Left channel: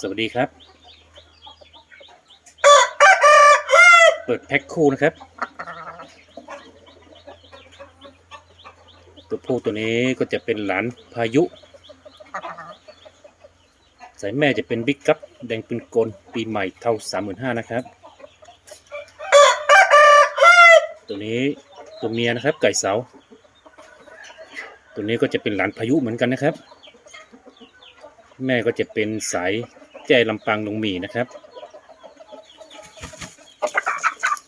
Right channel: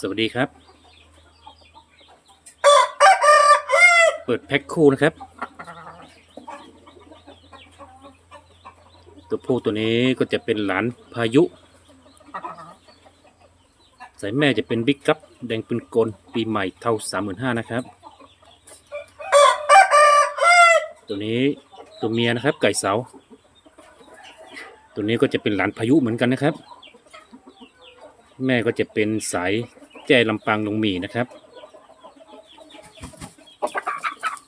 สวัสดีครับ เปิดแพ็คคู่นะครับ ตัวผู้ตัวนี้ก็จะเป็นหลานพายุ สายแม่จะเป็นบิ๊กกัปแดงปืนกล ปีใหม่เท่าสามหมื่นห้านะครับ ตัวนี้ตัวเมียนะครับ ไก่เสา ตัวนี้ก็จะเป็นหลานพายุเหมือนกันนะครับ แม่ก็จะเป็นสาย แจ้ลำปางลงหมีนะครับ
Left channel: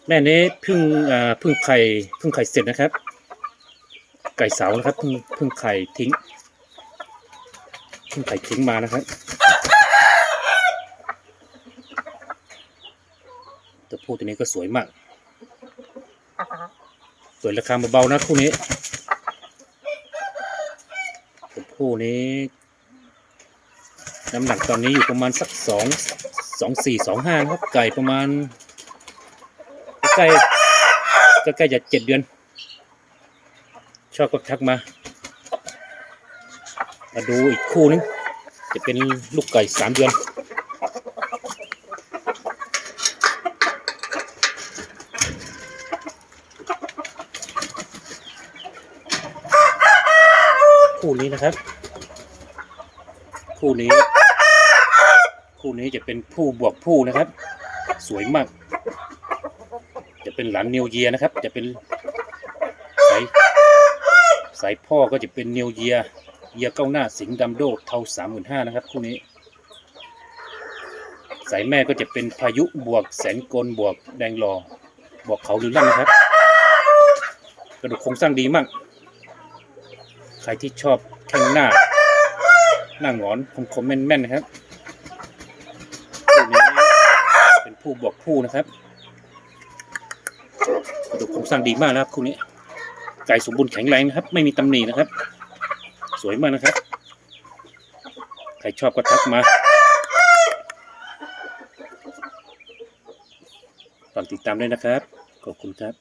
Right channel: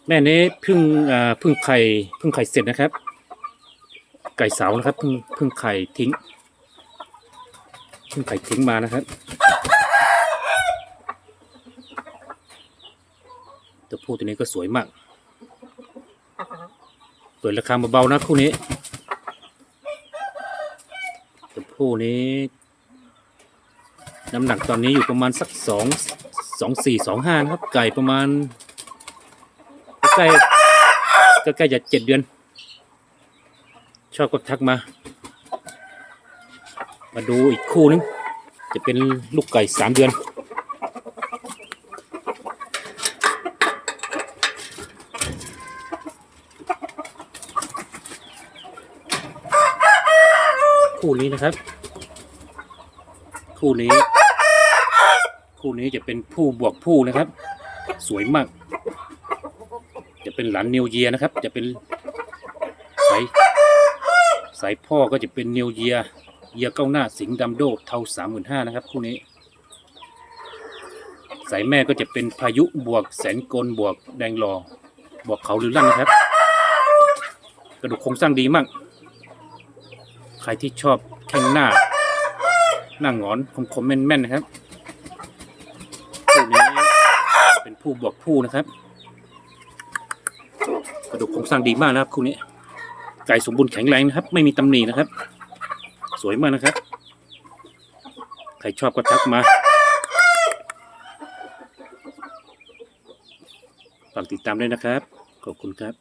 แม่นี้เพึ่งอ่าเพึ่งไข่เพึ่งไข่เสร็จนะครับ ไก่เสานะครับเพึ่งเพึ่งไข่ทิ้งเพึ่งไข่ทิ้งมานะครับตัวผู้ตัวนี้ก็สวยมาก เปิดราคาเบาๆนะคู่นี้ตัวผู้นี้ น้ำหนักตอนนี้อยู่ประมาณสักสองสองสี่สองห้านะครับ ไก่ประมาณใกล้ก็ใกล้จะเจ็ดเดือน ชอบก็ทักมา มาดูอีกคู่นึง จะเป็นลูกไก่สามเดือนคู่นี้นะครับ คู่นี้ คู่นี้จะเป็นผู้บวกผู้นะครับ สวยมาก จะเป็นหลานนิวเยียนะครับ จะเป็นสายสายพ่อก็จะเป็นนิวเยียเยียเก้าหน้าสิงดำโดเท่าสามหมื่นห้านะครับ คู่นี้ สายแม่ก็จะเป็นพายุบวกแสนกลบวกแดงรอบวกเขาหรือลั่นนะครับ กระดูกโครงสร้างดีมาก ใครที่ชอบแข้งหน้า หน้าหงอนคมๆแม่นๆนะครับผู้นี้เป็น ผู้บวกผู้นะครับกระดูกโครงสร้างดีมากนะครับคู่นี้ ไก่สมบูรณ์แข็งแรงนะครับ ไม่มีตำหนินะครับ สวยมากนะครับ ใครชอบก็ทักมาฝากติดตามด้วยนะครับ ขอบคุณครับ